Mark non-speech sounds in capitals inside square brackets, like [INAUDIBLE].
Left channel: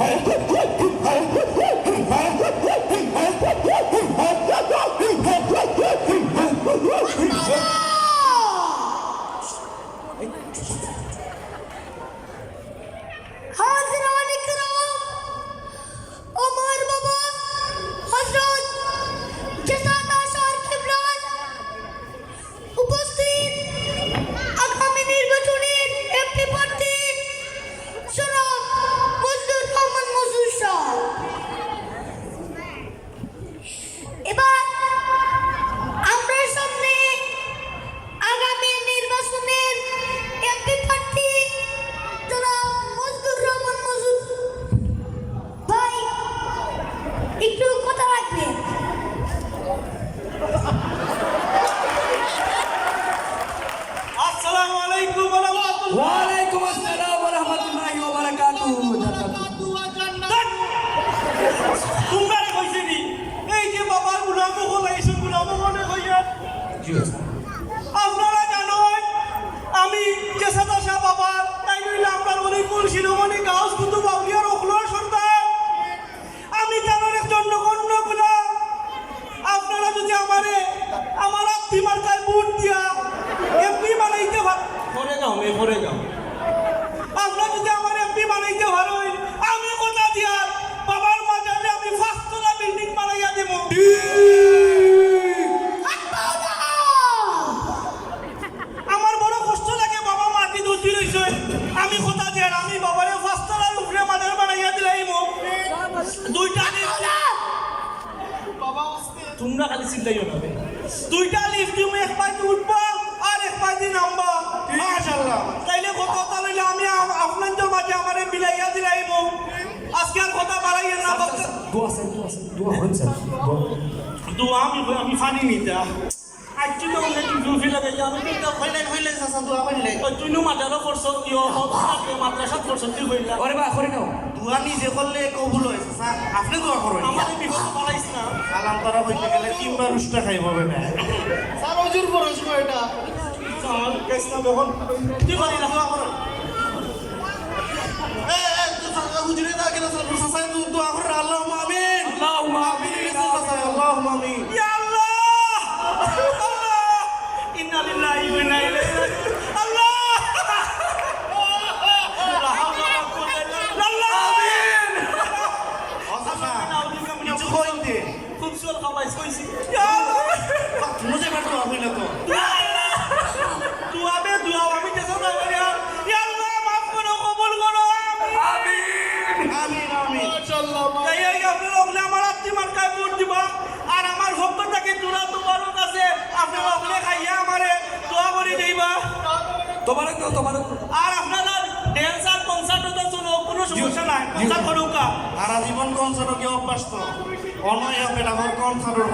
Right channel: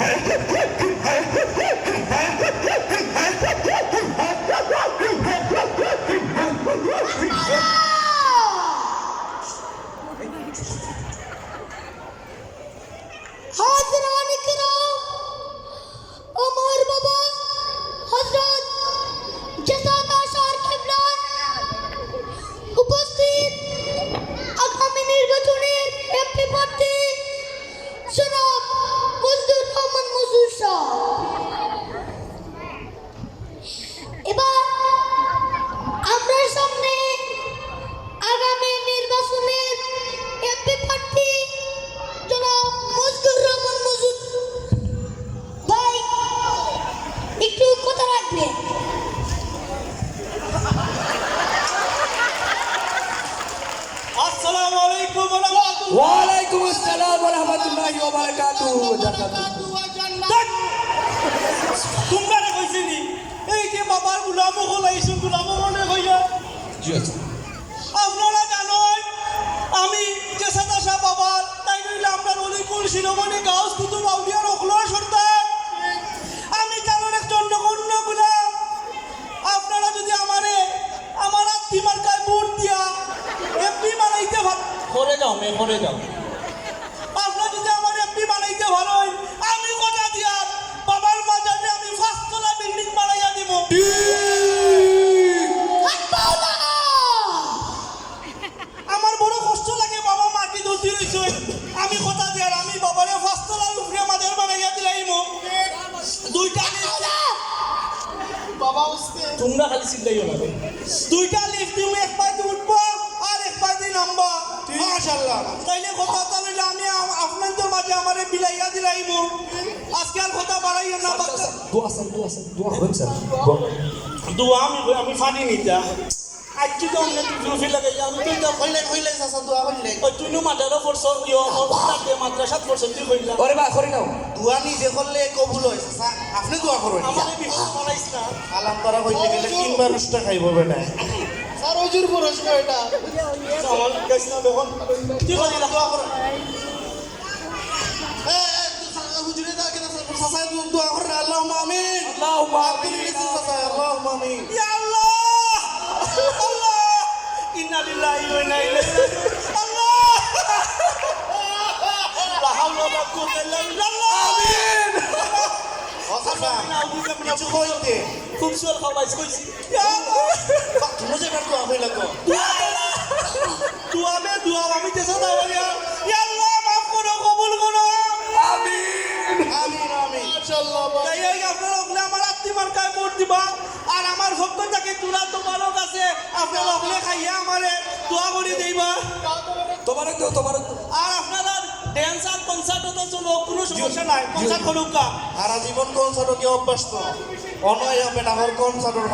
Okay. [LAUGHS] ওয়া বারাকাতুহু তোমরা কইছি নি এই যে বাবার গুলামো হলাইছো গুলামো মনে কইলে আপনারা জানেন আমি যে সাদাশা বাবার তাই নইলে আমরা অলিকুল শিরোমণি গাউস কুতুব আউলিয়ার অখলোয়ার সর্দার আমি কারণ একজন নগণ্য গুলাম আপনারা যদি আমারে আমার আত্মী মার্কায় ভোট দিয়া এমপি বানাইতে পার পরে যাও মে পরে যাও। মাটি আমি কথা দিয়ার আমি বাবারে ফার্স্টতলার উপরে মাদার বানাইয়া দিলাইমো দুইটা বাবা তোমরা খালি চিন্তাইও না দুইটা লিফট তুমি এক পাইতে উঠবা আর এক পাইতে নামবা। মাশাআল্লাহ। তাইলে কথা লইলে আমি আপনাদের মাঝে আমারে বিলাইয়া দিলাইমো আজকে আর কথা বাড়াইয়া না দোয়া স্যার দোয়া স্যার দোয়া স্যার। দোয়া আমি আমি ফানি নিতা। আজকে তো অনেক জুফি আমি তো দোয়া তুই নো মাদ্রাসা পড়ছ ইয়ো হতে মাদ্রাসাত পড়ছ তুই কইলা ওরে বা করে নাও দোয়া নিজে করলে কবুল হয় চাচা আপনি দোয়া করুন আমারে বিপদ বানাইছ না আলাম করা হইতে গেলে তিনবার উষ্টা খাইব বেটা স্যার ওজুর খরচ এটা আমার কেস না বেহন তুই কইলা দোয়া করুন এ এ কেন স্যার দোয়া করুন আল্লাহুম্মা আমিন আল্লাহুম্মা আমিন চাচা আল্লাহুম্মা আমিন ইয়া আল্লাহ আল্লাহ কিছু কইতে খুব সুয়াল খাওয়াইছ কইছি মুঝে বাট হইলে তো। দুয়া মে দুয়া আমি যে সদা বলিয়া ইয়া আল্লাহ মাফ করো কবুল করো। আমিন আমিন। আমিন মাশাআল্লাহ। তাই এই আপনারা ওগুলো আমার আত্মীয় কায় ভোট দিবা। আর আমার ভক্তটাকে তোলা তোমারও কাছে। আপনারা ওগুলো খাইয়া আমারে দোয়া করে দিবা। তোমারক তো তোমারক তো। আর আপনারা ড্যান্স আর কনসার্ট হতে শুনো কোনো সমস্যা নাই কনসার্ট করুক কা সারা জীবন কনসার্টও কি অভ্যস্ত অনয় হবে না কনসার্টের